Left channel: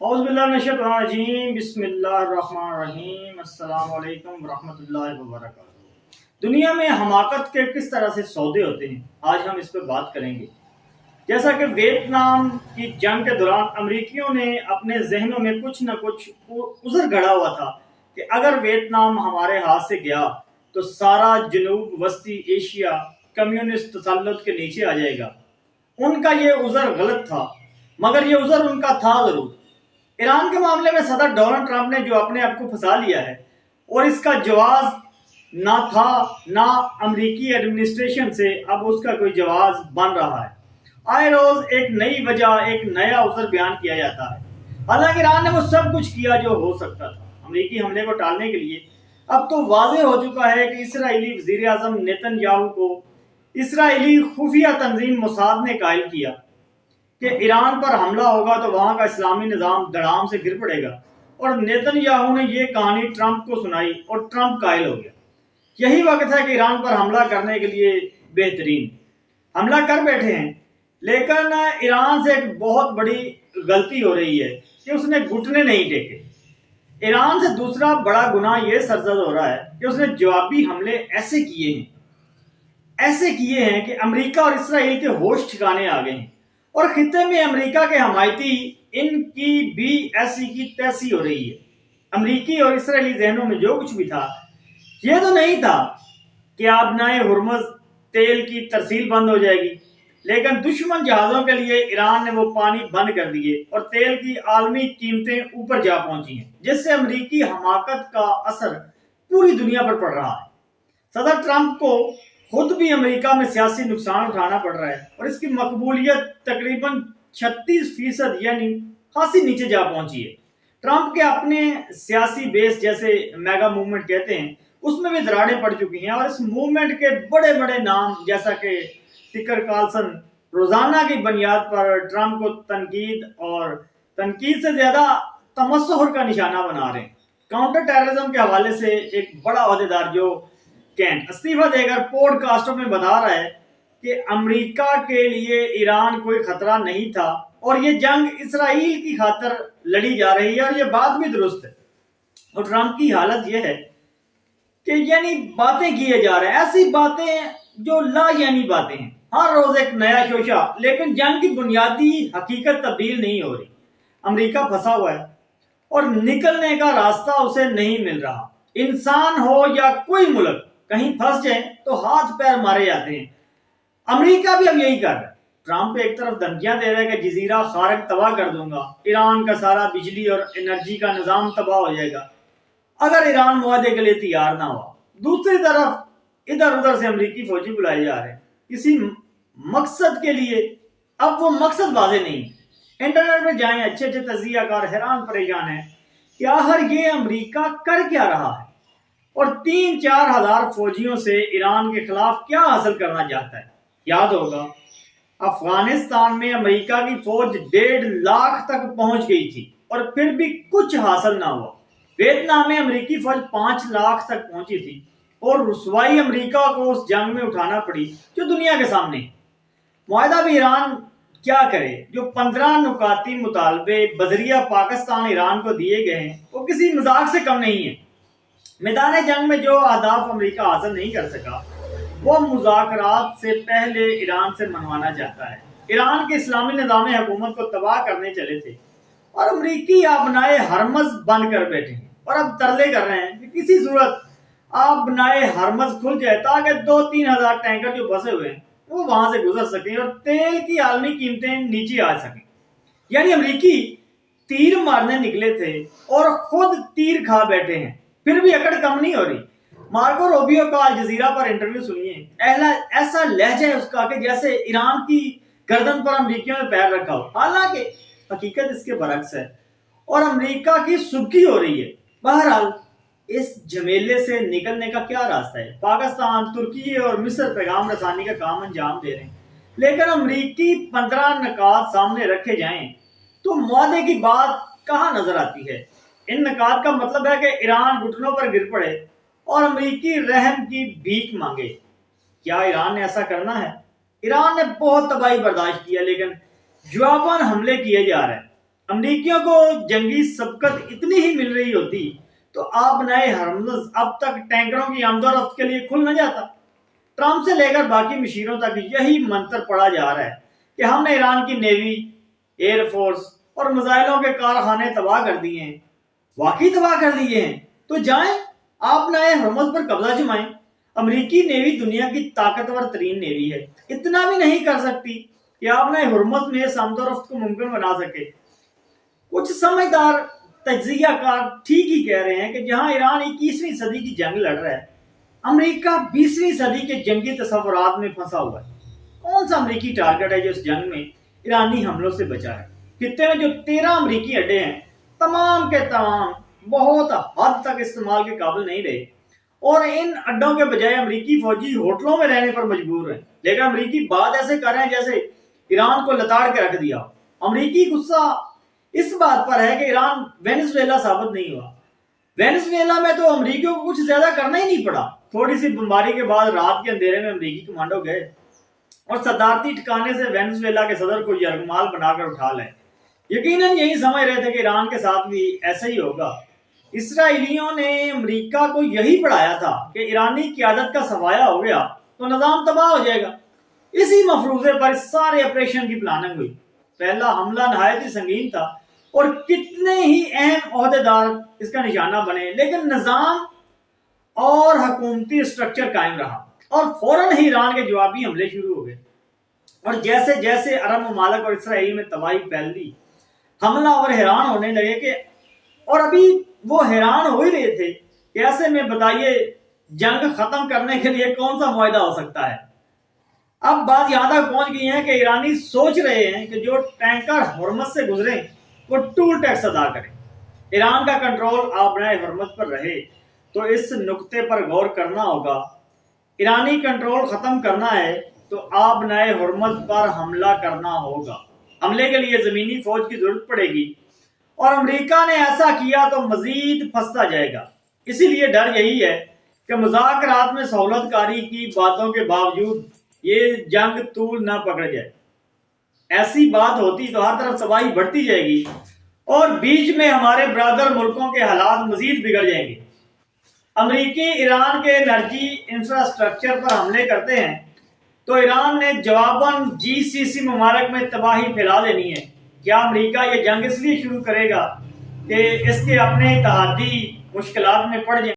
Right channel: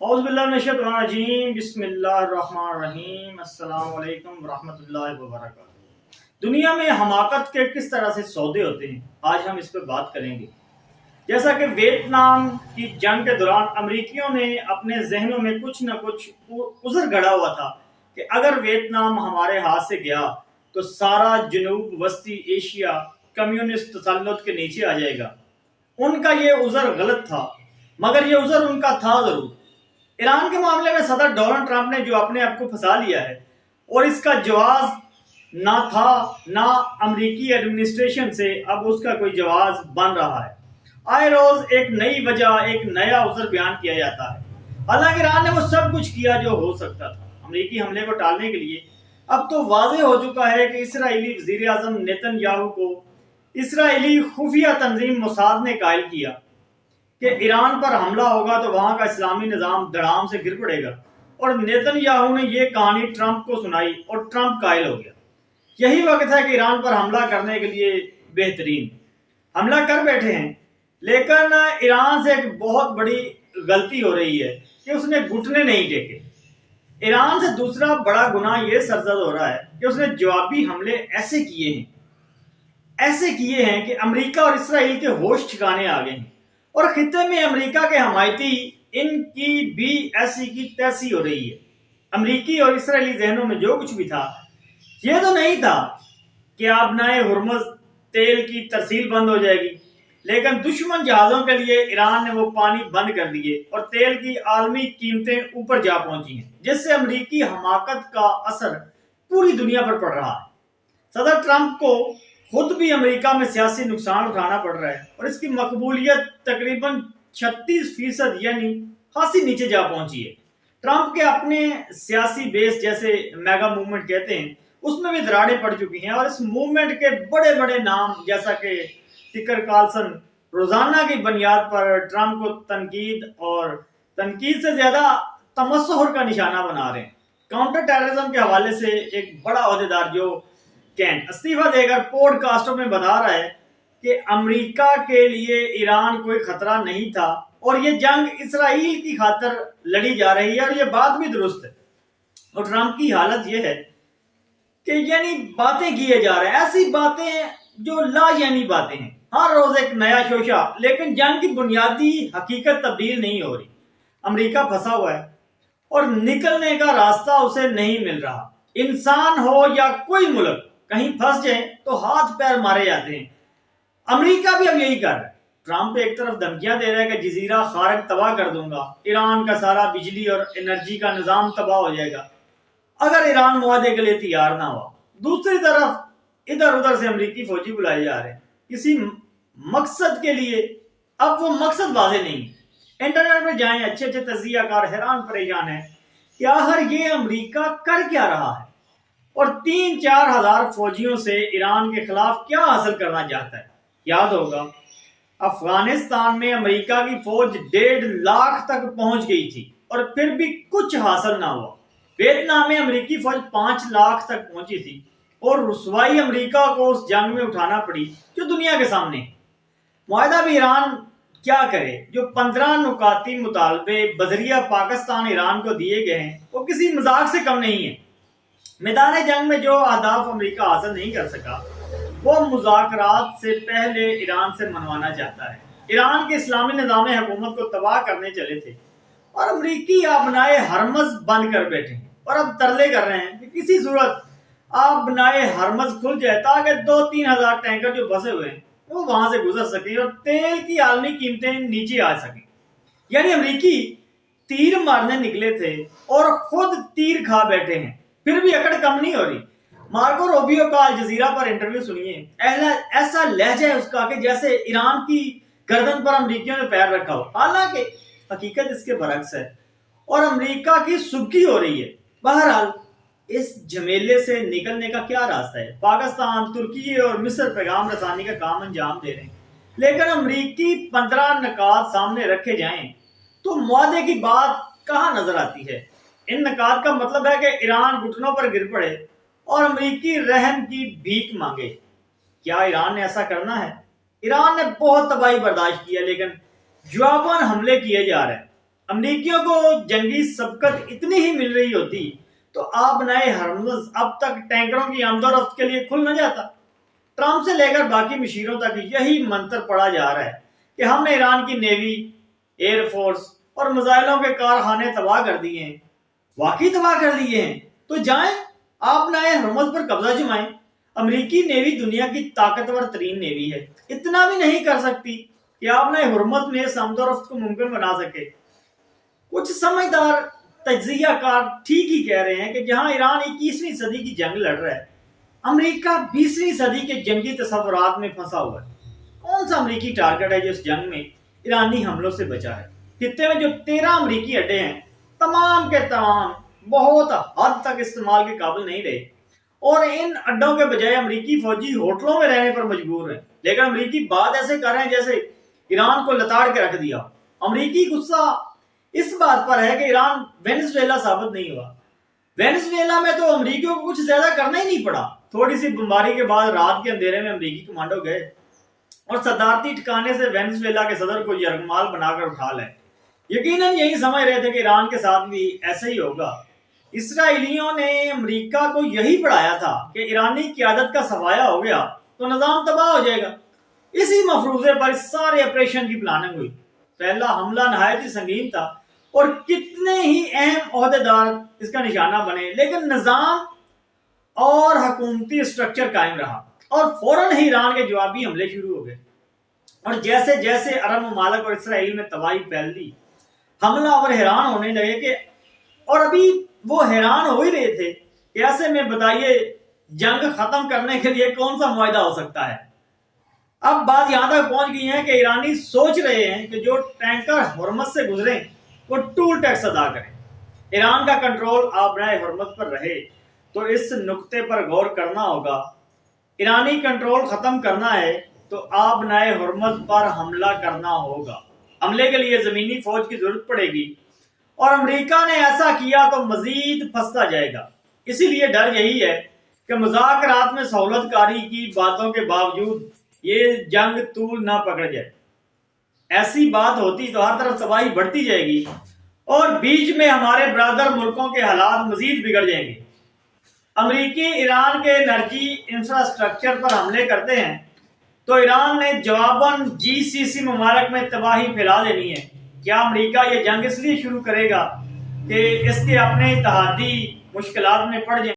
اعوذ باللہ من الشیطان الرجیم، بسم اللہ الرحمن الرحیم، السلام علیکم ورحمۃ اللہ وبرکاتہ۔ دنیا میں حماقت کے کس طرح سے سودے ہوتے ہیں، آج ہم اس پہ بات کریں گے۔ جیسا کہ ویتنام کی جنگ کے دوران امریکیوں نے اپنے ذہنوں میں کچھ نہ کچھ عذر گڑھا ہوا تھا کہ اگر ویتنام ہمارے ہاتھ سے گیا تو سارا جنوب وسطی ایشیا کمیونسٹ تسلط کے نیچے آ جائے گا۔ ان کا یہ عذر غلط تھا، مگر یہ عذر ان کا تھا ضرور۔ ایران کے معاملے میں صدر ڈونلڈ ٹرمپ نے جو اپنے آپ کو پھنسا لیا ہے، اور اس کا جواز نہ تھا نہ امریکی ایڈمنسٹریشن سے اب اس کا کوئی جواز بن رہا ہے۔ آئے روز ایک نئی وجہ، ایک نیا عذر بیان کیا جاتا ہے۔ حالانکہ ایران نے وہ سب کچھ کیا جو ہو سکتا تھا امریکی حملے کو ٹالنے کے لیے۔ اب تو واضح ہو چکا ہے کہ اسرائیلی وزیر اعظم نیتن یاہو کو اسرائیلی خفیہ تنظیم موساد نے قائل کیا کہ ایران پر حملہ ہوگا تو وہاں کا اسلامی نظام دھڑام سے گر پڑے گا، اور نیتن یاہو نے یہ کہانی ٹرمپ کو سنائی اور ٹرمپ قائل ہو گیا۔ یہی وقت ہے کہ ایران پر حملہ کرنے کے لیے بہترین حملہ کر بیٹھے ہیں، لیکن ایران سے ایک بہت بڑی غلطی ہو رہی ہے کہ اس نے گھٹنے نہیں ٹیکے۔ ایران سے دوسرا بڑا گناہ یہ سرزد ہو رہا ہے کہ اس نے جوابی حملے ایسے کیے ہیں کہ امریکہ اور اسرائیل کے ہوش ٹھکانے آ گئے ہیں، اور خطے میں امریکہ کے حمایتی ان کی بھی ایسی کی تیسی ہو رہی ہے۔ امریکی اور اسرائیلی ذہنوں میں جو کچھ بھی تھا، یہ تو نہیں تھا کہ آبنائے ہرمز تیل کی ترسیل بند ہو جائے گی، لیکن دشمن جہازوں کے لیے ایران نے وہ پانی بند کر دیے اور تیل کی عالمی قیمتیں اوپر جا پہنچی ہیں، جس سے امریکی حماقت کا اثر پوری دنیا پر پڑ رہا ہے۔ صدر ٹرمپ کو خود بھی امریکہ میں سیاسی نقصان اٹھانا پڑ رہا ہے، اور اس کی مقبولیت تقریباً 36% یعنی خاصی نیچے جا پہنچی ہے۔ ٹرمپ کے اپنے سیاسی بیس جیسے میگا موومنٹ کہتے ہیں، اس میں بھی دراڑیں پڑ چکی ہیں، اور اس موومنٹ کے بڑے بڑے نام جیسا کہ ٹکر کارلسن روزانہ کی بنیاد پر ٹرمپ کو تنقید سے زیادہ تمسخر کا نشانہ بنا رہے ہیں۔ کاؤنٹر ٹیررزم کے حوالے سے ایک بڑا عہدیدار جو کینٹ استعفیٰ دے کر پوڈ کاسٹوں میں بتا رہا ہے کہ امریکہ کے لیے ایران کوئی خطرہ نہیں تھا، اور یہ جنگ اسرائیل کی خاطر لڑی جا رہی ہے، اور یہ بات بھی درست ہے۔ اور ٹرمپ کی حالت یہ ہے کہ یعنی باتیں کیے جا رہے ہیں، ایسی باتیں جو لا یعنی باتیں ہیں، ہر روز ایک نیا شوشہ، لیکن جنگ کی بنیادی حقیقت تبدیل نہیں ہو رہی۔ امریکہ پھنسا ہوا ہے اور نکلنے کا راستہ اسے نہیں مل رہا۔ انسان ہو یا کوئی ملک کہیں پھنس جائیں تو ہاتھ پیر مارے جاتے ہیں۔ امریکہ بھی اب یہی کر رہا ہے۔ ٹرمپ ایک طرف دھمکیاں دے رہا ہے کہ جزیرہ خارق تباہ کر دوں گا، ایران کا سارا بجلی اور انرجی کا نظام تباہ ہو جائے گا اگر ایران معاہدے کے لیے تیار نہ ہوا۔ دوسری طرف ادھر ادھر سے امریکی فوجی بلائے جا رہے ہیں کسی مقصد کے لیے۔ اب وہ مقصد واضح نہیں ہے۔ انٹرنیٹ پہ جائیں، اچھے تجزیہ کار حیران پریشان ہیں کہ آخر یہ امریکہ کر کیا رہا ہے، اور 3-4 ہزار فوجیوں سے ایران کے خلاف کیا حاصل کرنا چاہتا ہے۔ یاد ہوگا افغانستان میں امریکہ کی فوج 1.5 لاکھ تک پہنچ گئی تھی، اور پھر بھی کچھ حاصل نہ ہوا۔ ویتنام میں امریکی فوج 5 لاکھ تک پہنچی تھی، اور رسوائی امریکہ کو اس جنگ میں اٹھانا پڑی جو دنیا کے سامنے ہے۔ معاہدہ بھی ایران کیا کرے؟ جو 15 نکاتی مطالبے بذریعہ پاکستان ایران کو دیے گئے ہیں، وہ کسی مذاق سے کم نہیں ہے۔ میدان جنگ میں جو اہداف امریکہ حاصل نہیں کر سکا، وہ مذاکرات سے پہلے ایران سے منوانا چاہتا ہے۔ ایران کے اسلامی نظام حکومت کو تباہ کرنے چلے تھے، اور امریکی آبنائے ہرمز بند کر بیٹھے ہیں، اور اب ترلے کر رہے ہیں کہ کسی صورت آبنائے ہرمز کھل جائے تاکہ 2-3 ہزار ٹینکر جو بسے ہوئے ہیں وہ وہاں سے گزر سکیں اور تیل کی عالمی قیمتیں نیچے آ سکیں۔ یعنی امریکی تیر مارنے نکلے تھے اور خود تیر کھا بیٹھے ہیں، پھر بھی اکڑ کم نہیں ہو رہی۔ مارکو روبیو کا الجزیرہ پر انٹرویو سنیے، ایسا لہجہ ہے اس کا کہ جیسے ایران کی گردن پر امریکیوں نے پیر رکھا ہو، حالانکہ حقیقت اس کے برعکس ہے، اور امریکہ کی سبکی ہو رہی ہے۔ بہرحال اس جھمیلے سے نکلنے کا کیا راستہ ہے؟ پاکستان، ترکی اور مصر پیغام رسانی کا کام انجام دے رہے ہیں، لیکن امریکی 15 نکات سامنے رکھے جائیں تو معاہدے کی بات کہاں نظر آتی ہے؟ ان نکات کا مطلب ہے کہ ایران گھٹنوں پر گر پڑے اور امریکی رحم کی بھیک مانگے۔ کیا ایران نے ایسا کرنا ہے؟ ایران نے بہت تباہی برداشت کیا، لیکن جواباً حملے کیے جا رہے ہیں۔ امریکیوں کو جنگی سبقت اتنی ہی مل رہی ہوتی تو آبنائے ہرمز اب تک ٹینکروں کی آمد و رفت کے لیے کھل نہ جاتا۔ ٹرمپ سے لے کر باقی مشیروں تک یہی منتر پڑا جا رہا ہے کہ ہم نے ایران کی نیوی، ایئر فورس اور میزائلوں کے کارخانے تباہ کر دیے ہیں۔ واقعی تباہ کر دیے ہیں تو جائیں آپ نئے ہرمز پر قبضہ جمائیں۔ امریکی نیوی دنیا کی طاقتور ترین نیوی ہے، اتنا بھی نہیں کر سکتی کہ آپ نئے ہرمز میں اس آمد و رفت کو ممکن بنا سکے۔ کچھ سمجھدار تجزیہ کار ٹھیک ہی کہہ رہے ہیں کہ جہاں ایران 21ویں صدی کی جنگ لڑ رہا ہے، امریکہ 20ویں صدی کے جنگی تصورات میں پھنسا ہوا ہے۔ کون سا امریکی ٹارگٹ ہے جو اس جنگ میں ایرانی حملوں سے بچا ہے؟ خطے میں جو 13 امریکی اڈے ہیں، تمام کے تمام بہت حد تک استعمال کے قابل نہیں رہے، اور ان اڈوں کے بجائے امریکی فوجی ہوٹلوں میں رہنے پر مجبور ہیں۔ لیکن امریکی بات ایسے کر رہے ہیں جیسے ایران کو لتاڑ کے رکھ دیا۔ امریکی غصہ اس بات پر ہے کہ ایران وینزویلا ثابت نہیں ہوا۔ وینزویلا میں تو امریکیوں کو کچھ زیادہ کرنا ہی نہیں پڑا۔ تھوڑی سی بمباری کے بعد رات کے اندھیرے میں امریکی کمانڈو گئے اور صدارتی ٹھکانے سے وینزویلا کے صدر کو یرغمال بنا کر اٹھا لائے۔ یقیناً یہی سمجھ رہے تھے کہ ایران کے ساتھ بھی ایسا ہی ہوگا۔ اسرائیلیوں نے امریکہ کو یہی پڑھایا تھا کہ ایرانی قیادت کا صفایا ہو گیا تو نظام تباہ ہو جائے گا۔ اسی مفروضے پر اس سارے آپریشن کی پلاننگ ہوئی۔ پہلا حملہ نہایت ہی سنگین تھا اور کتنے ہی اہم عہدیدار اس کا نشانہ بنے، لیکن نظام اور حکومتی اسٹرکچر قائم رہا اور فوراً ہی ایران کے جوابی حملے شروع ہو گئے۔ اور جیسے جیسے عرب ممالک اور اسرائیل میں تباہی پھیل دی، حملہ اور حیران ہونے لگے کہ اور ابھی وہ حیران ہو ہی رہے تھے کہ ایسے میں بتائیے جنگ ختم کرنے کے لیے کون سا معاہدہ ہو سکتا ہے۔ اب بات یہاں تک پہنچ گئی ہے کہ ایرانی سوچ رہے ہیں کہ جو ٹینکر ہرمز سے گزریں وہ ٹول ٹیکس ادا کریں۔ ایران کا کنٹرول آبنائے ہرمز پر رہے تو اس نقطے پر غور کرنا ہوگا۔ ایرانی کنٹرول ختم کرنا ہے تو آبنائے ہرمز پر حملہ کرنا ہوگا۔ حملے کے لیے زمینی فوج کی ضرورت پڑے گی اور امریکہ نے ایسا کیا تو مزید پھنستا جائے گا۔ اسی لیے ڈر یہی ہے کہ مذاکرات میں سہولت کاری کی باتوں کے باوجود یہ جنگ طول نہ پکڑ جائے۔ ایسی بات ہوتی تو ہر طرف تباہی بڑھتی جائے گی اور بیچ میں ہمارے برادر ملکوں کے حالات مزید بگڑ جائیں گے۔ امریکی ایران کے انرجی انفراسٹرکچر پر حملے کرتے ہیں تو ایران نے جواباً GCC ممالک میں تباہی پھیلا دینی ہے۔ کیا امریکہ یہ جنگ اس لیے شروع کرے گا کہ اس کے اپنے اتحادی مشکلات میں پڑ جائیں؟